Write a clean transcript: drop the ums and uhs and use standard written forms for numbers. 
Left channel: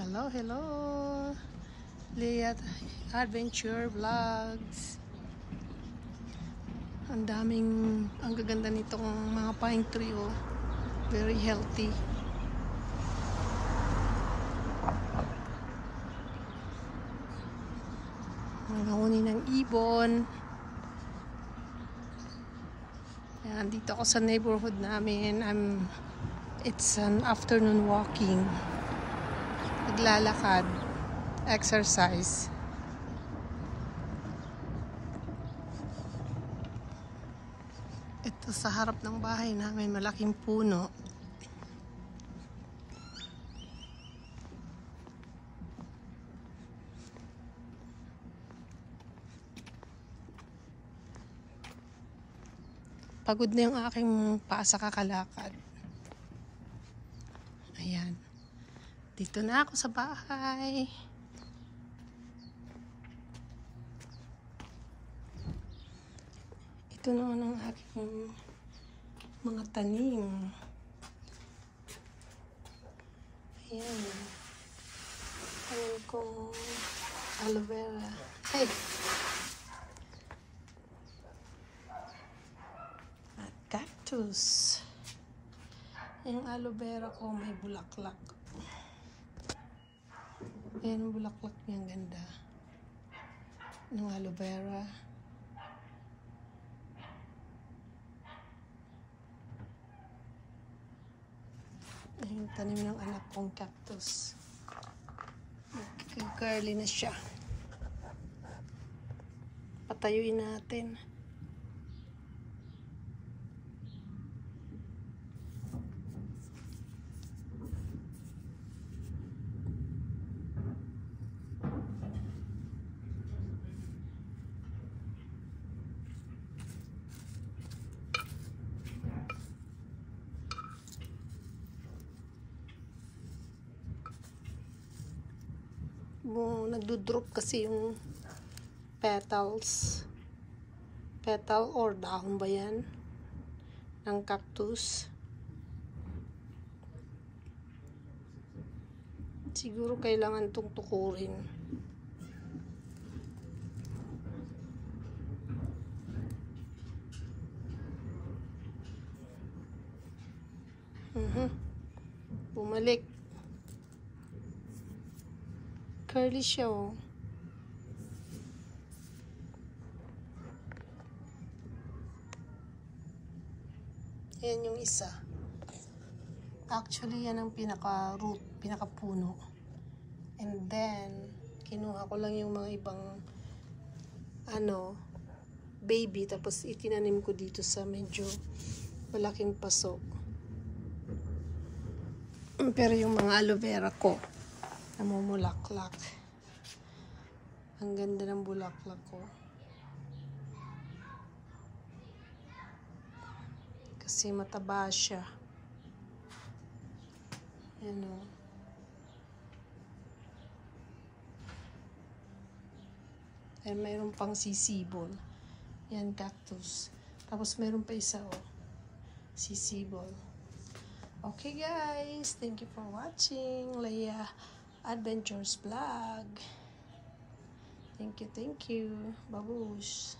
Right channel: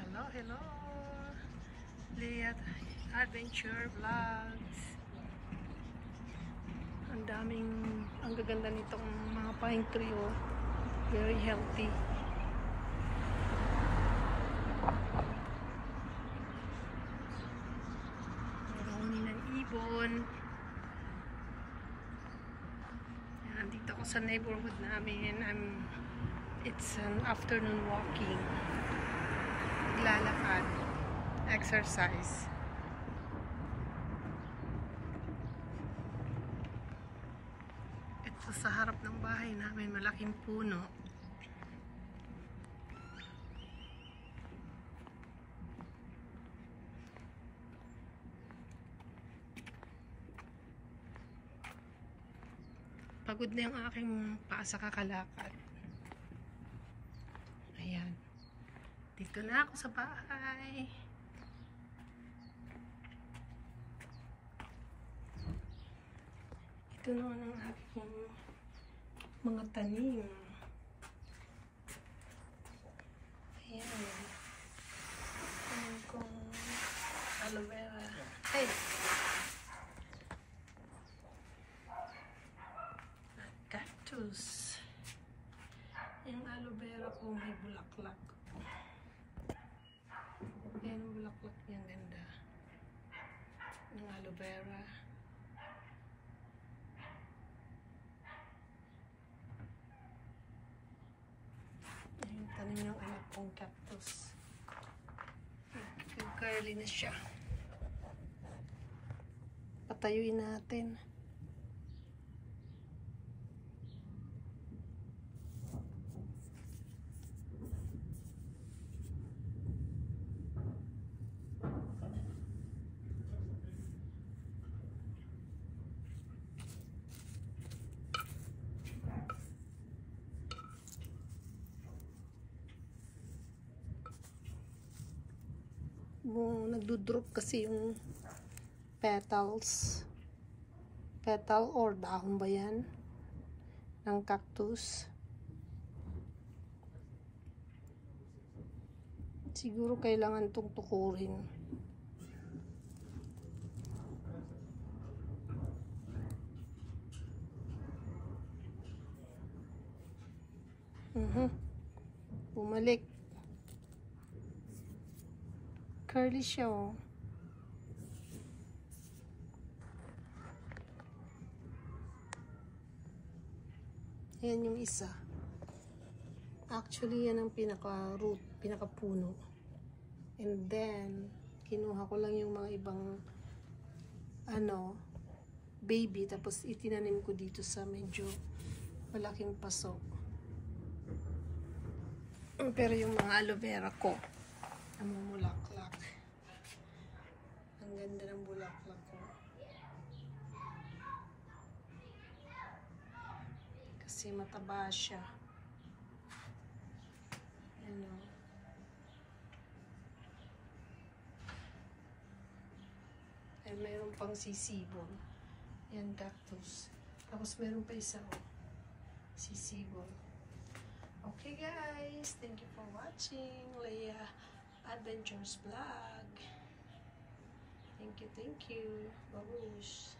Hello, hello! Leah Adventure Vlogs. Ang gaganda nitong mga pine tree, oh. Very healthy. Nanguni ng ibon. Yan, dito ako sa neighborhood namin. It's an afternoon walking. Naglalakad. Exercise. Ito sa harap ng bahay namin, malaking puno. Pagod na yung aking paa sa kakalakad. Ayan. Dito na ako sa bahay. Ito naman ang aking mga tanim. Ayan. Ayan kong aloe vera. Ay! At cactus. Yung aloe vera ko may bulaklak. Ayan ang bulaklak niya, ganda. Ng aloe vera. Yung tanim ng anak kong cactus. Curly na siya. Patayuin natin. Nagdudrop kasi yung petals. Petal or dahon ba yan? Ng cactus. Siguro kailangan itong tukurin. Bumalik. Curly siya, oh. Ayan yung isa. Actually, yan ang pinaka-root, pinaka-puno. And then, kinuha ko lang yung mga ibang baby, tapos itinanim ko dito sa medyo malaking paso. Pero yung mga aloe vera ko, namumulaklak. Ang ganda ng bulaklak ko. Kasi mataba siya. Ayan, o. Ayan, mayroon pang sisibol. Yan, cactus. Tapos mayroon pa isa, o. Sisibol. Okay, guys. Thank you for watching Leah Adventures Vlog. Thank you. Babush.